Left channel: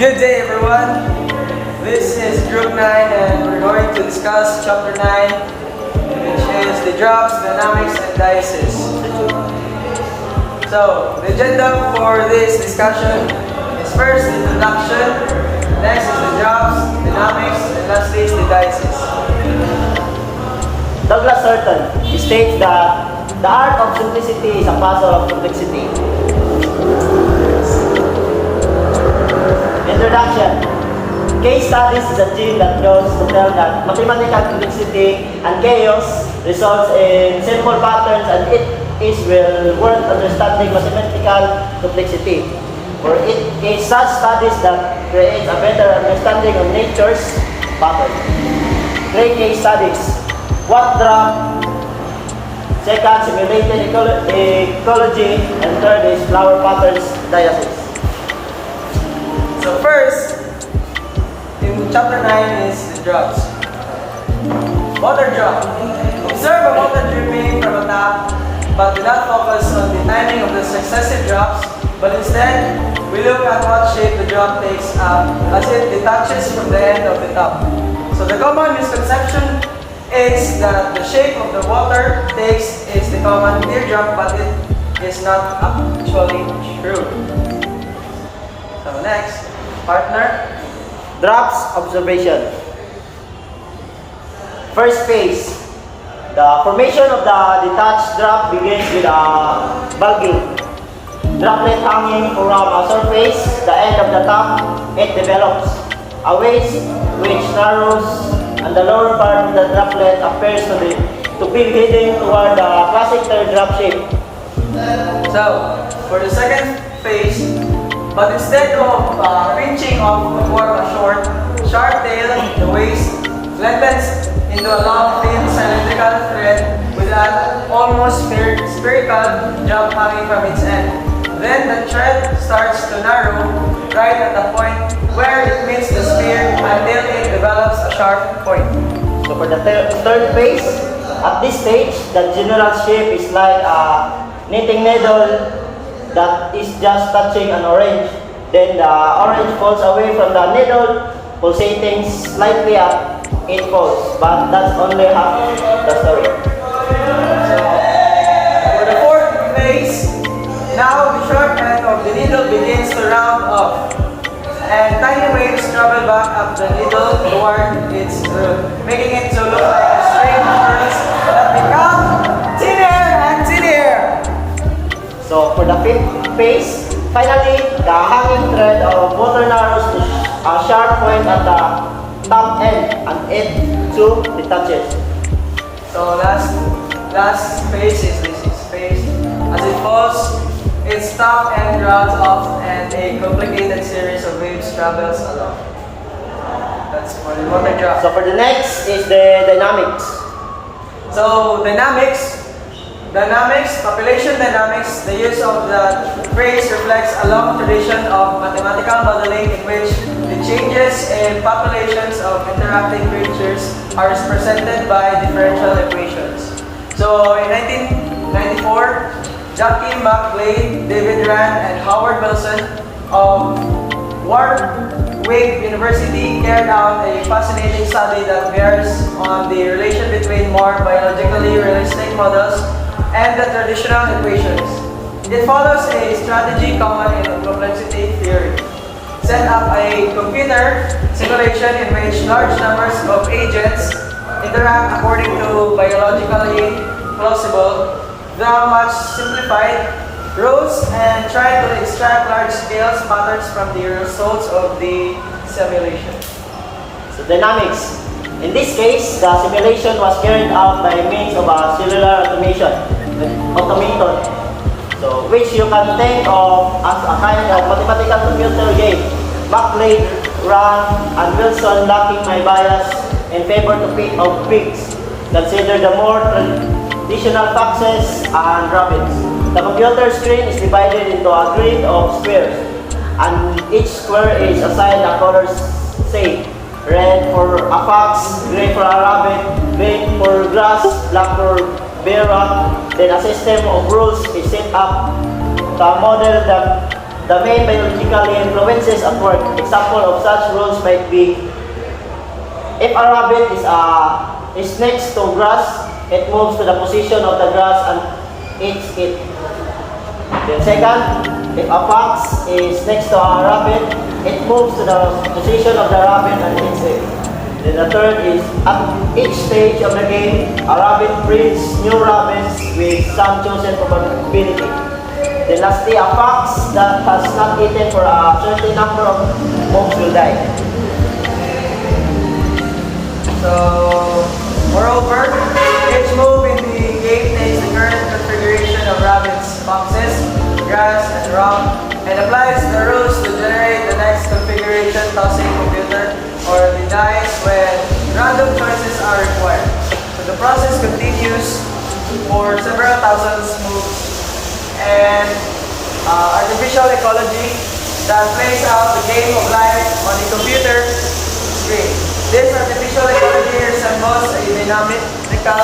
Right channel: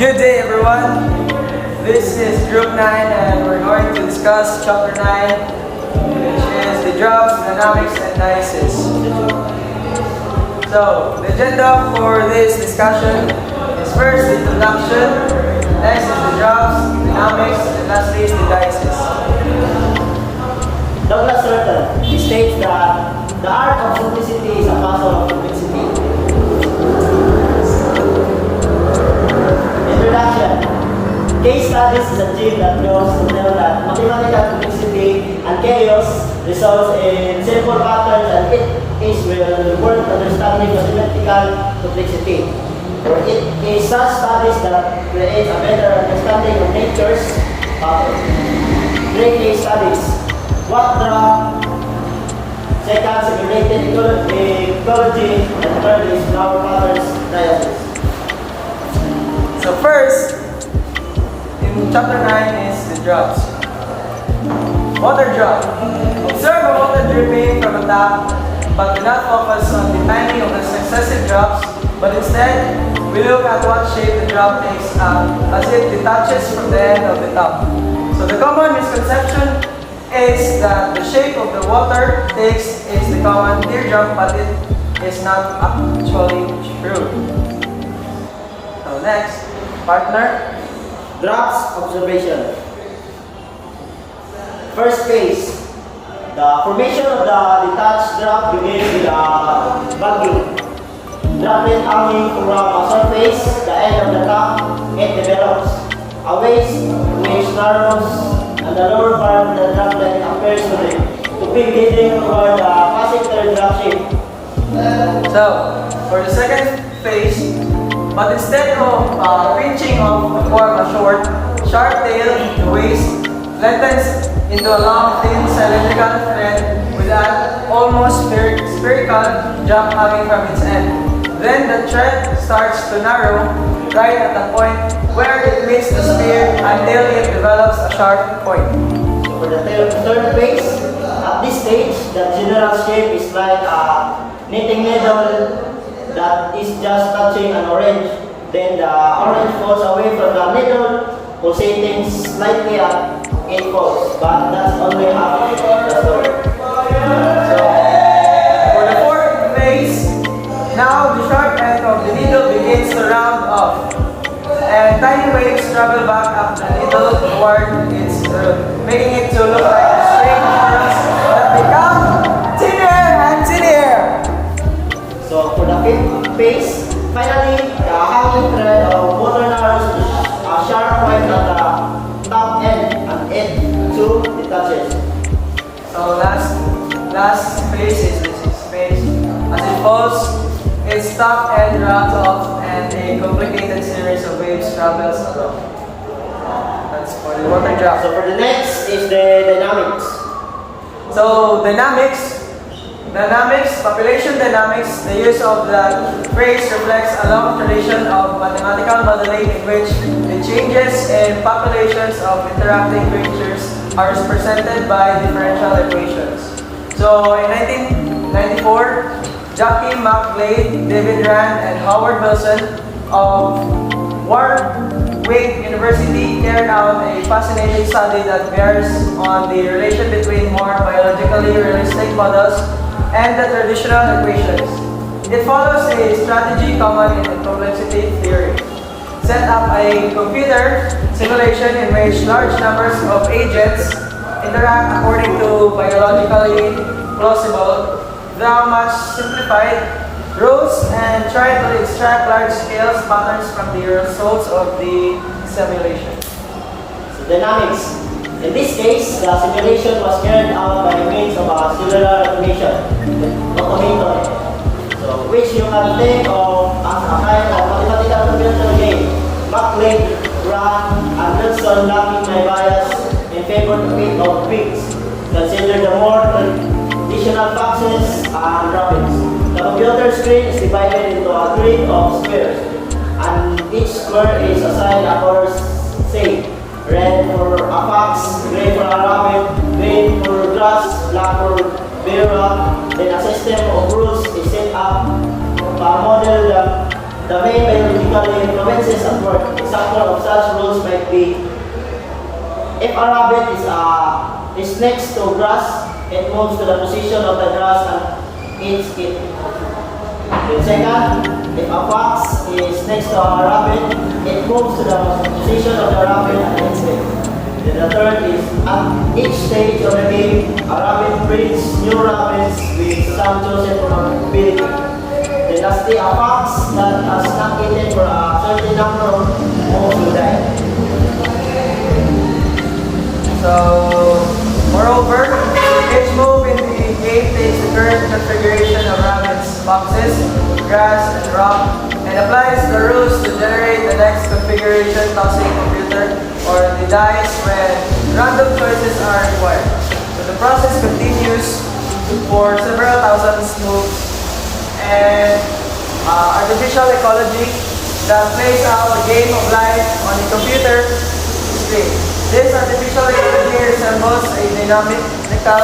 Good day, everyone. This is Group 9, and we're going to discuss Chapter 9, which is the drops, dynamics, and dices. So, the agenda for this discussion is first the introduction, next is the drops, dynamics, and lastly is the dices. Douglas Certain states that the art of simplicity is a puzzle of complexity. Introduction. Case studies is a gene that goes to tell that mathematical complexity and chaos results in simple patterns, and it is well worth understanding mathematical complexity. Or it is such studies that create a better understanding of nature's patterns. Great case studies. What drop? Second, simulated ecology, and third is flower patterns diasis. So first, in Chapter 9 is the drops. Water drop. Observe a water dripping from a tap, but do not focus on the timing of the successive drops, but instead, we look at what shape the drop takes as it detaches from the end of the tap. So the common misconception is that the shape of the water takes is the common teardrop, but it is not actually true. So next, partner. Drops observation. First phase. The formation of the detached drop begins with a bulging. Droplet hanging from a surface, the end of the top, it develops. A waist which narrows, and the lower part of the droplet appears to be leading toward the classic teardrop shape. So, for the second phase, but instead of pinching off to form a short, sharp tail, the waist lengthens into a long, thin cylindrical thread with an almost spherical jump hanging from its end. Then the thread starts to narrow right at the point where it meets the sphere until it develops a sharp point. So for the third phase, at this stage, the general shape is like a knitting needle that is just touching an orange. Then the orange falls away from the needle, pulsating slightly as it falls. But that's only half the story. So, for the fourth phase, now the short end of the needle begins to round off, and tiny waves travel back up the needle toward its root, making it to look like a string of pearls that become thinner and thinner. So for the fifth phase, finally, the hanging thread of water narrows to a sharp point at the top end, and it too detaches. So last phase is the sixth phase. As it falls, its top end rounds off, and a complicated series of waves travels along. That's for the water drop. So for the next is the dynamics. So dynamics, population dynamics, the use of the phrase reflects a long tradition of mathematical modeling in which the changes in populations of interacting creatures are represented by differential equations. So in 1994, Jackie McGlade, David Rand, and Howard Wilson of Warwick University carried out a fascinating study that bears on the relation between more biologically realistic models and the traditional equations. It follows a strategy common in complexity theory. Set up a computer simulation in which large numbers of agents interact according to biologically plausible, though much simplified rules, and try to extract large-scale patterns from the results of the simulation. So dynamics. In this case, the simulation was carried out by means of a cellular automaton, so which you can think of as a kind of mathematical computer game. McLeod, Rand, and Wilson lacking my bias in favor of pigs, consider the more traditional foxes and rabbits. The computer screen is divided into a grid of squares, and each square is assigned a color, say, red for a fox, gray for a rabbit, green for grass, black for bear rat. Then a system of rules is set up to model the the main biological influences at work. Example of such rules might be if a rabbit is next to grass, it moves to the position of the grass and eats it. Then second, if a fox is next to a rabbit, it moves to the position of the rabbit and eats it. Then the third is at each stage of the game, a rabbit breeds new rabbits with some chosen probability. Then lastly, a fox that has not eaten for a certain number of moves will die. So, moreover, each move in the game takes the current configuration of rabbits, foxes, grass, and rock, and applies the rules to generate the next configuration tossing computer or the dice when random choices are required. So the process continues for several thousand moves and artificial ecology that plays out the game of life on the computer screen. This artificial ecology resembles a dynamical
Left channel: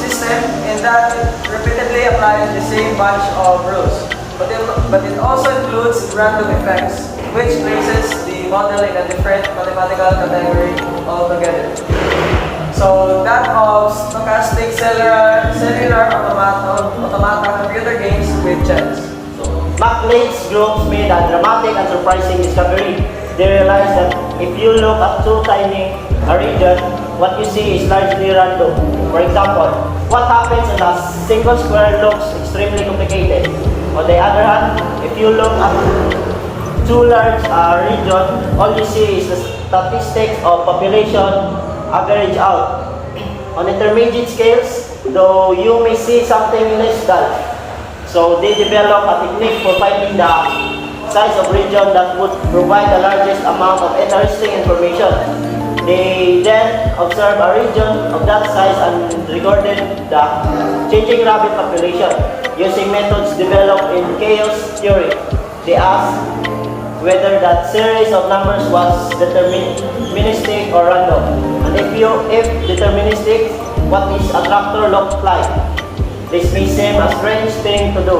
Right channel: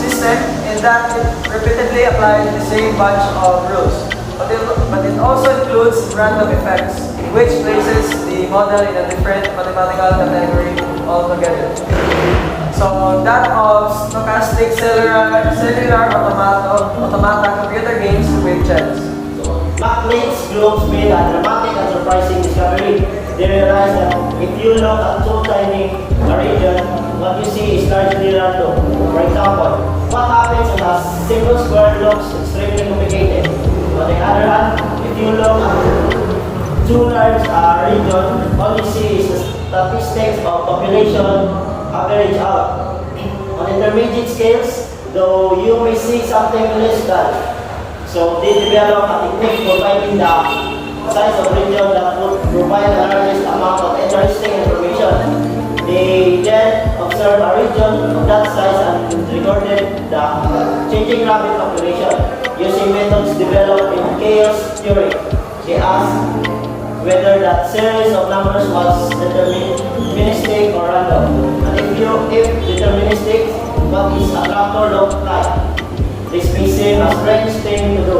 system in that it repeatedly applies the same bunch of rules. But it also includes random effects, which places the model in a different mathematical category altogether. So that of stochastic cellular automata computer games with chess. McLean's groups made a dramatic and surprising discovery. They realized that if you look at too tiny a region, what you see is largely random. For example, what happens if a simple square looks extremely complicated? On the other hand, if you look at too large a region, all you see is the statistics of population average out. On intermediate scales, though you may see something minuscule. So they develop a technique for finding the size of region that would provide the largest amount of interesting information. They then observed a region of that size and recorded the changing rabbit population using methods developed in chaos theory. They asked whether that series of numbers was deterministic or random. And if deterministic, what is a tractor look like? This may seem a strange thing to do,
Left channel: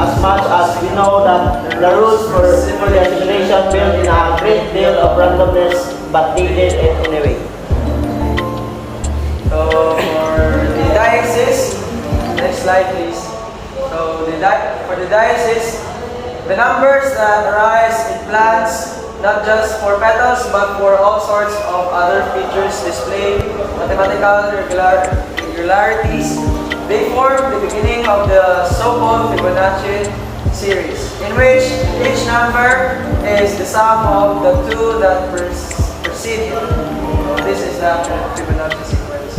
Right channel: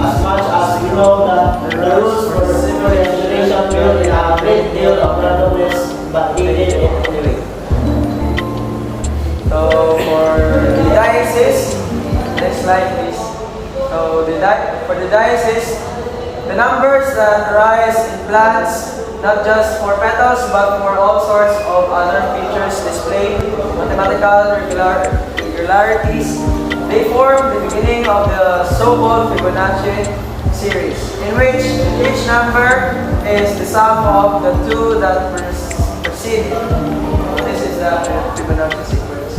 as much as we know that the rules for simulation built in a great deal of randomness, but they did it anyway. So for the Daisies, next slide please. So for the Daisies, the numbers that arise in plants, not just for petals, but for all sorts of other features displaying mathematical regularities, they form the beginning of the so-called Fibonacci series, in which each number is the sum of the two that precede it. This is the Fibonacci sequence.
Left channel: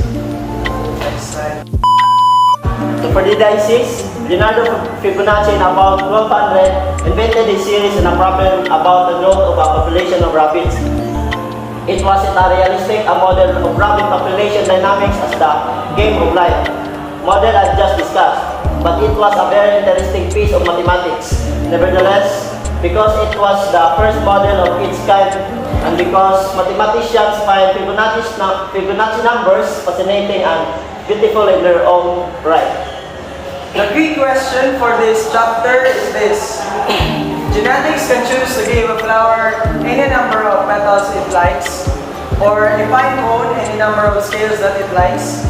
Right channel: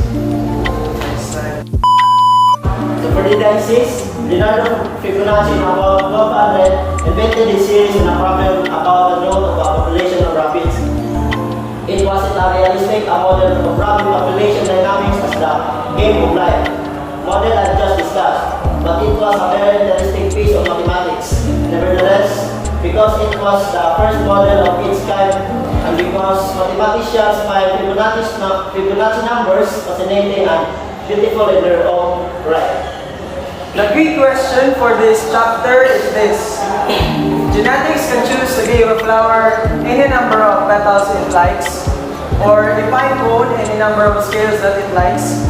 Next slide. So for the Daisies, Leonardo Fibonacci in about 1200 invented this series in a problem about the growth of a population of rabbits. It was a realistic model of rabbit population dynamics as the game of life model I just discussed, but it was a very interesting piece of mathematics. Nevertheless, because it was the first model of its kind, and because mathematicians find Fibonacci numbers fascinating and beautiful in their own right. The key question for this chapter is this. Genetics can choose to give a flower any number of petals it likes, or a pine cone any number of scales that it likes.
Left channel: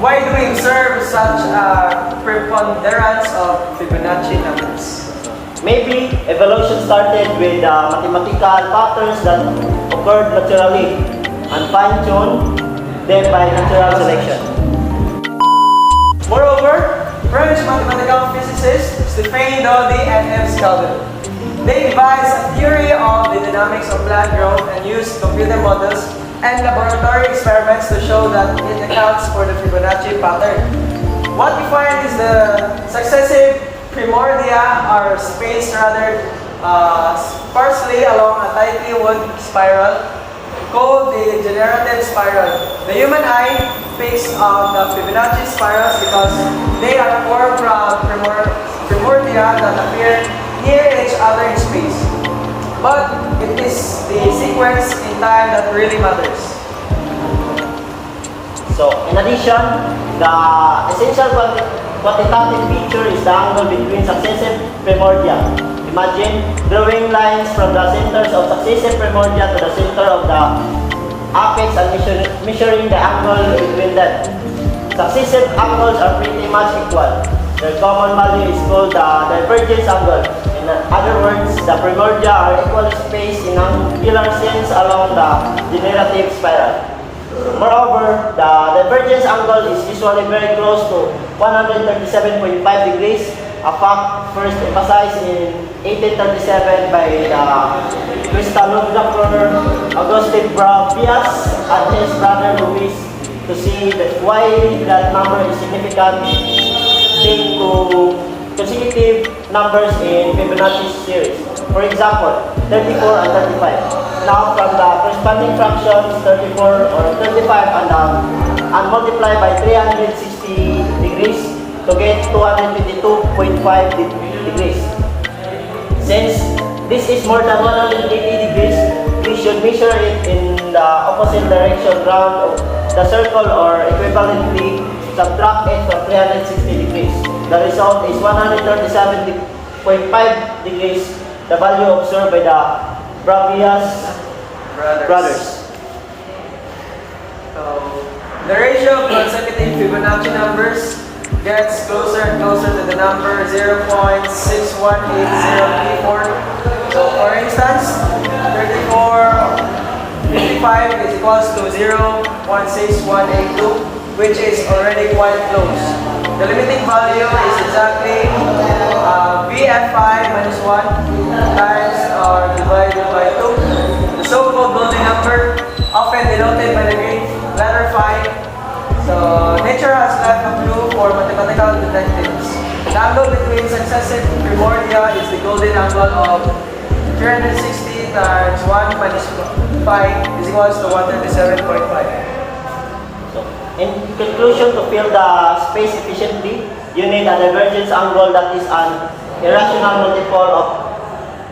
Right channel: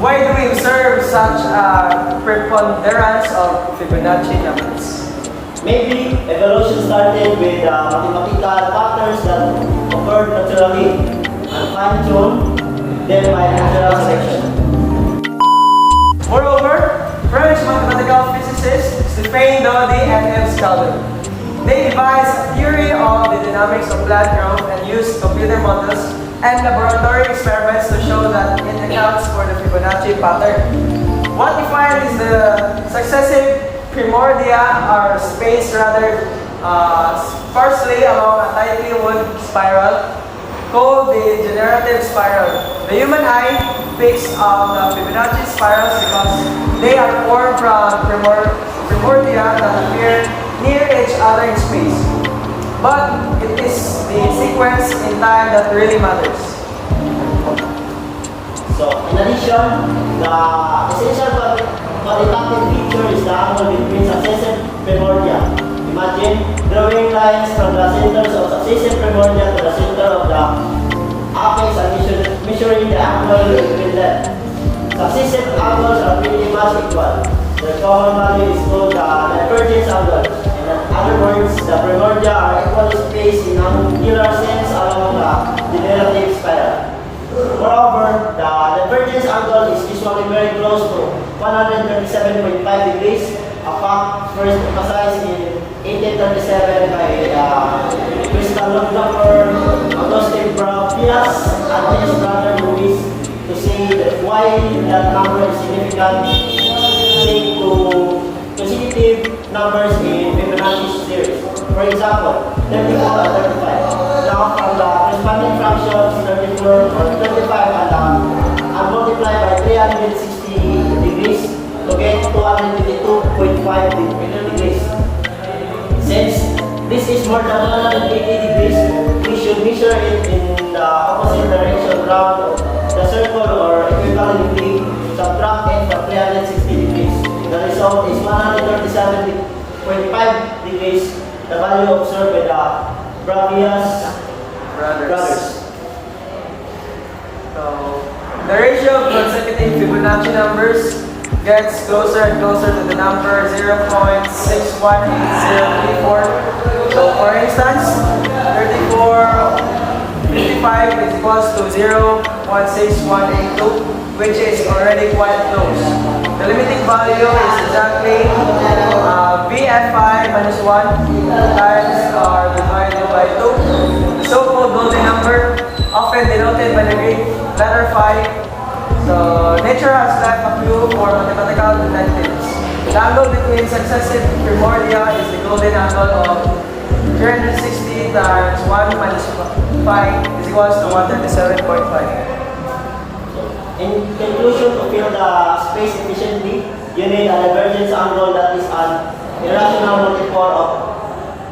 Why do we observe such a preponderance of Fibonacci numbers? Maybe evolution started with mathematical patterns that occurred naturally and fine-tuned them by natural selection. Moreover, French mathematical physicists Stéphane Daudy and M. Skelden, they devised a theory of the dynamics of plant growth and used computer models and laboratory experiments to show that it accounts for the Fibonacci pattern. What we find is the successive primordia are spaced rather sparsely along a tightly wound spiral called the generative spiral. The human eye picks up the Fibonacci spirals because they are formed from primordia that appear near each other in space. But it is the sequence in time that really matters. So, in addition, the essential quantitative feature is the angle between successive primordia. Imagine drawing lines from the centers of successive primordia to the center of the apex and measuring the angle between them. Successive angles are pretty much equal. Their common value is called the divergence angle. In other words, the primordia are equally spaced in angular sense along the generative spiral. Moreover, the divergence angle is usually very close to 137.5 degrees, a fact first emphasized in 1837 by crystallographer Auguste Brapias and his brother Louis to see why that number is significant linked to consecutive numbers in Fibonacci series. For example, 34 and 35. Now from the corresponding fractions 34 or 35 and multiply by 360 degrees to get 222.5 degrees. Since this is more than 180 degrees, we should measure it in the opposite direction round the circle or equivalently subtract it from 360 degrees. The result is 137.5 degrees, the value observed by the Brapias brothers. So, the ratio of consecutive Fibonacci numbers gets closer and closer to the number 0.618034. So, for instance, 55 is equals to 0.16182, which is already quite close. The limiting value is exactly VF5 minus 1 times or divided by 2. The so-called golden number, often denoted by the Greek letter phi. So, nature has left a clue for mathematical detectives. The angle between successive primordia is the golden angle of 360 times 1 minus 5 is equals to 137.5. In conclusion, to fill the space efficiently, you need a divergence angle that is an irrational multiple of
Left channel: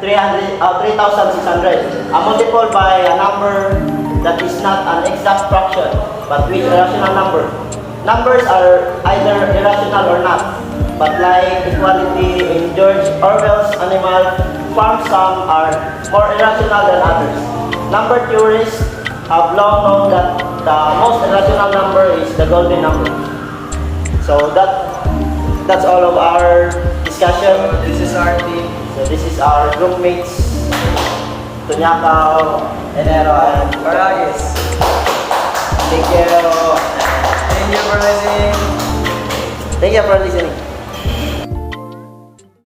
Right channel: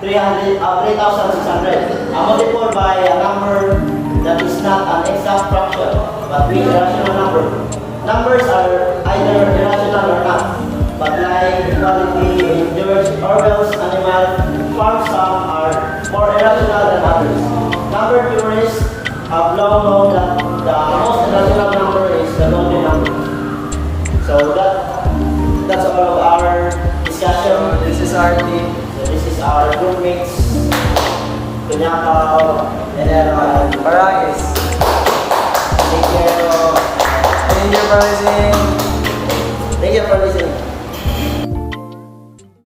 3,600, a multiple by a number that is not an exact fraction, but with a rational number. Numbers are either irrational or not, but like equality in George Orwell's Animal Farm, some are more irrational than others. Number theorists have long known that the most irrational number is the golden number. So that's all of our discussion. This is our team. So this is our group mates, Tunyakaw, Enero and Barangis. Thank you. Thank you for listening. Thank you for listening.